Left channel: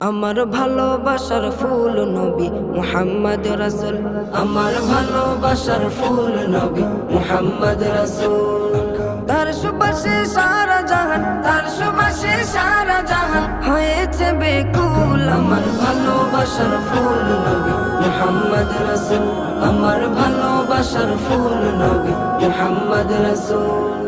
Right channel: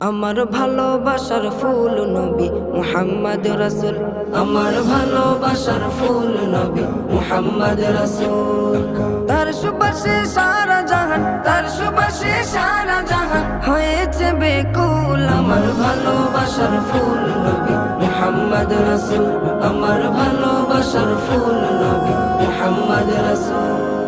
আমার ভালোবাসার ফুল নবী মুহাম্মদ রাসূল, আমার ভালোবাসার ফুল নবী মুহাম্মদ রাসূল। তার সুবাসে সারা জাহান, তার সুবাসে সারা জাহান হয়েছে বেকুল। আমার ভালোবাসার ফুল নবী মুহাম্মদ রাসূল, আমার ভালোবাসার ফুল নবী মুহাম্মদ রাসূল।